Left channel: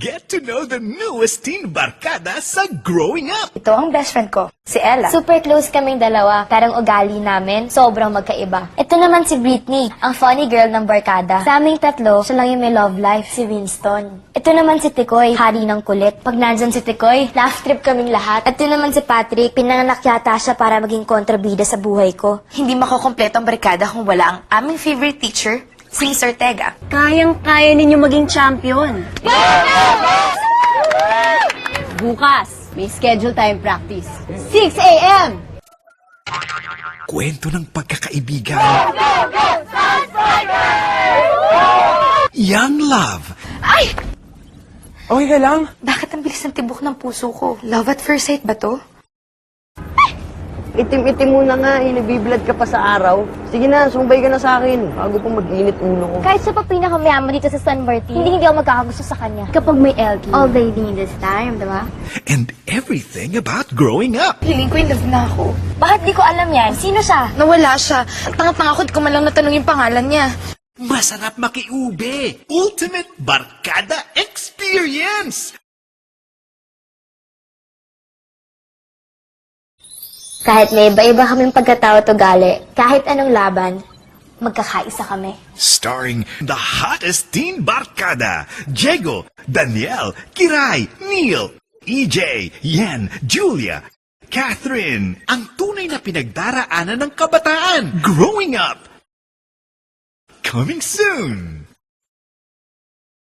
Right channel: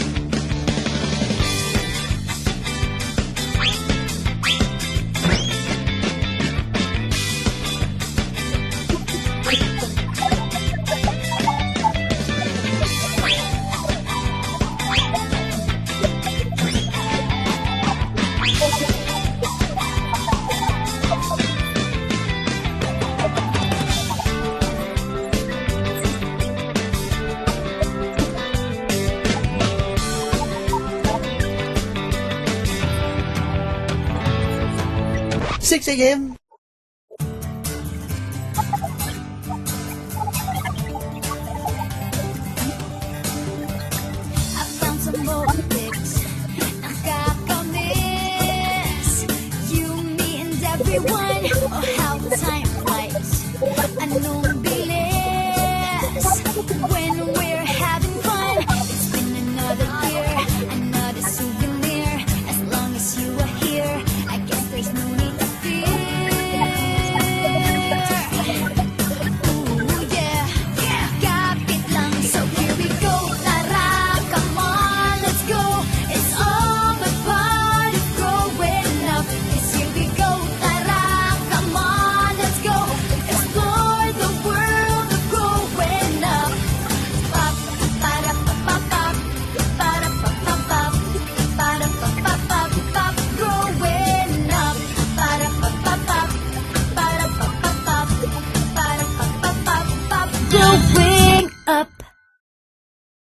Get to know the newest teen barkada sa Growing Up. Ito ang best friend ko, si Ella. Super close kaming dalawa, parang ugali namin, sobrang magkaiba. Ito naman si Whitney, ang funny girl ng barkada. Sa aming tatlo, siya lang yung may love life, si Winston. Ito naman si Tikoy, hari ng kulit. Pag nandyan si Tikoy, laugh trip kaming lahat. Ito naman si Patrick, pinanganak yata siya para maging kontrabida sa buhay ko. Hindi makukompleto ang barkada kung wala ang aming favorite teacher, si Miss Ortega. Kayang-kaya ninyo maging champion. Bukas, may schedule tayo practice. 6 a.m. 6 a.m. Kwento ng pagkakaibigan. Young love. Ay! Okay ka lang? Bakit ang bilis ng tibok ng puso ko? Love at first sight ba to? Itim-itim muna nga, biblood ka pa sa araw. Sige na, sumbay ka na sa akin. Bago pa mag-init ulo ko. Kahit sa pa pinakamayaman dito sa San Martin, hindi ako magkakagusto sa kanya. Kapag may LT, all day in this time, di ba? And everything about growing up. Feeling ko in love na ako. Bakit di ko alam yan? Sino siya? Nawala siya. Pangapangakot ko man lang natanong yung pangalan niya. Masarap makiuwi. Ultimate barkada experience. Kahit may iba-iba kaming pagkatao at ugali, kahit anong laban, magkakaisa kami. Starring the hottest teen barkada. Diego, Daniel, Kiray, Neil, EJ, Yen, Julia, Catherine. Ang tunay na pinagdaraanan ng kabataan. Growing Up. Coming soon.